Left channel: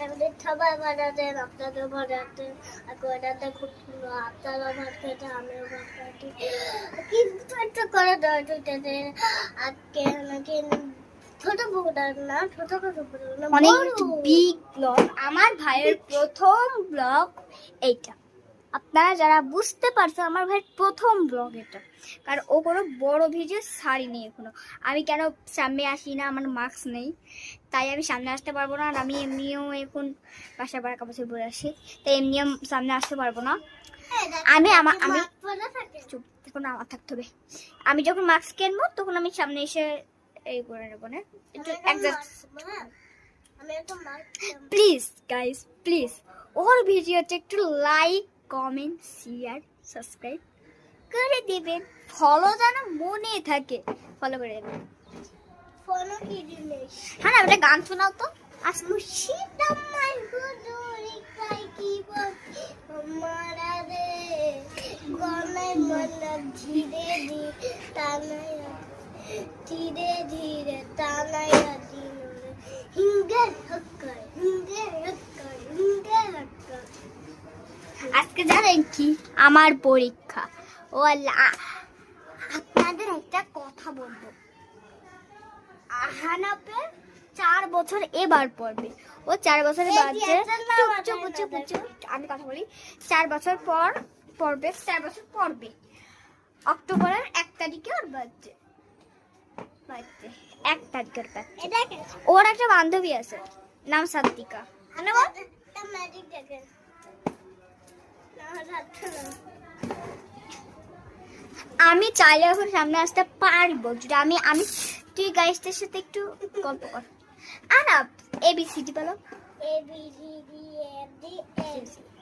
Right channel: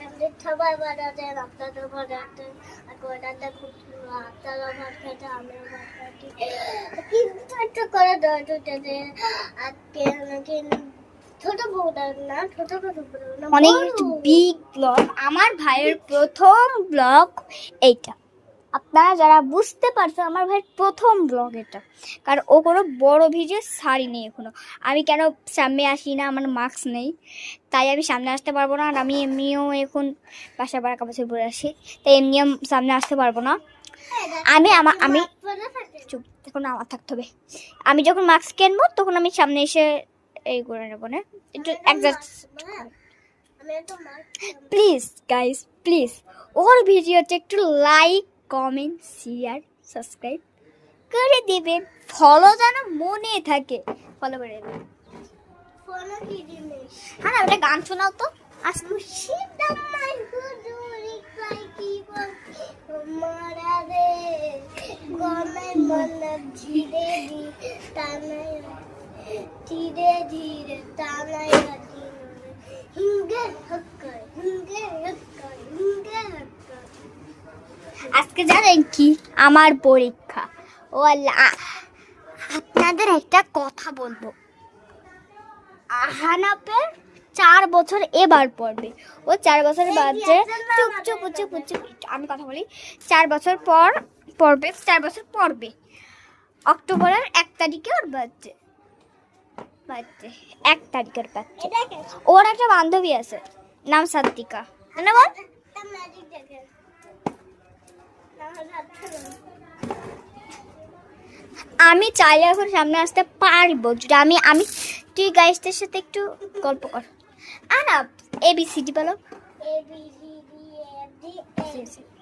আপনাদের সবাই বানাতেন, আপনাদের বানাতেন, আপনাদের খুব আপনারা ভাত খেতে, আমিও ভাত খাইছি, কিন্তু একটা করে দরজাতে আজকে আমাকে ছোট বউটা না, ছোট ছোট না, অনেক বিগ ব্লগ, আমার ভাইয়ের প্রথম ব্লগ এইটা। আপনারা যারা বুঝতে পারছেন, আমার ভাইয়ের প্রথম ব্লগ এটা, কারণ ও কোনো বড় ভিডিও ছাড়িনি এখনো। আমি কেন সামনে আসি না, আমার মাস্ক নেই, তাই আমি সামনে আসতে পারবো না। আর আমি এমনিও এখন বাসা বাড়া কাপড় পরে আসি, তাই এমনিও সামনে আসতে পারবো না। আমি চুপ, তখন আমার থাকতে হবে। আমি যখন মাস্ক কিনবো তখন আমি সামনে এসে এই করে নেবো না, একটু অ্যাডজাস্ট। প্লিজ গাইস, প্লিজ ওর ভিডিওতে একটু লাইক, কমেন্ট, শেয়ার, সাবস্ক্রাইব করে দেবেন। ফলো যেন মনে থাকে, ফলো করে দেবেন। হ্যাঁ, একটা গান শোনাও তো। ধীরে ধীরে টানায় আজকে জানেন কি, আমার পরীক্ষা। ও আল্লাহ, আপনাদের একটা কথা বলবো, আহানাপের 4 বছর এবার পড়বে। ও 4 বছরের বাদে চুপ চুপ চুপ চুপ, আমি কথা বলি। 4 বছর পর পড়বে, 4 বছর পড়বে। অক্টোবরের 1 তারিখে ওর বার্থডে, 1 তারিখের বাচ্চা। ওর একটা বান্ধবী আছে, নাম সাদ্দিকা। আমি চাইলে এখন সামনে আসতে পারবো যদি আমি তুই গাইসদের সাথে একটু গল্প কর। আর এবিসিডি বলো। ABCD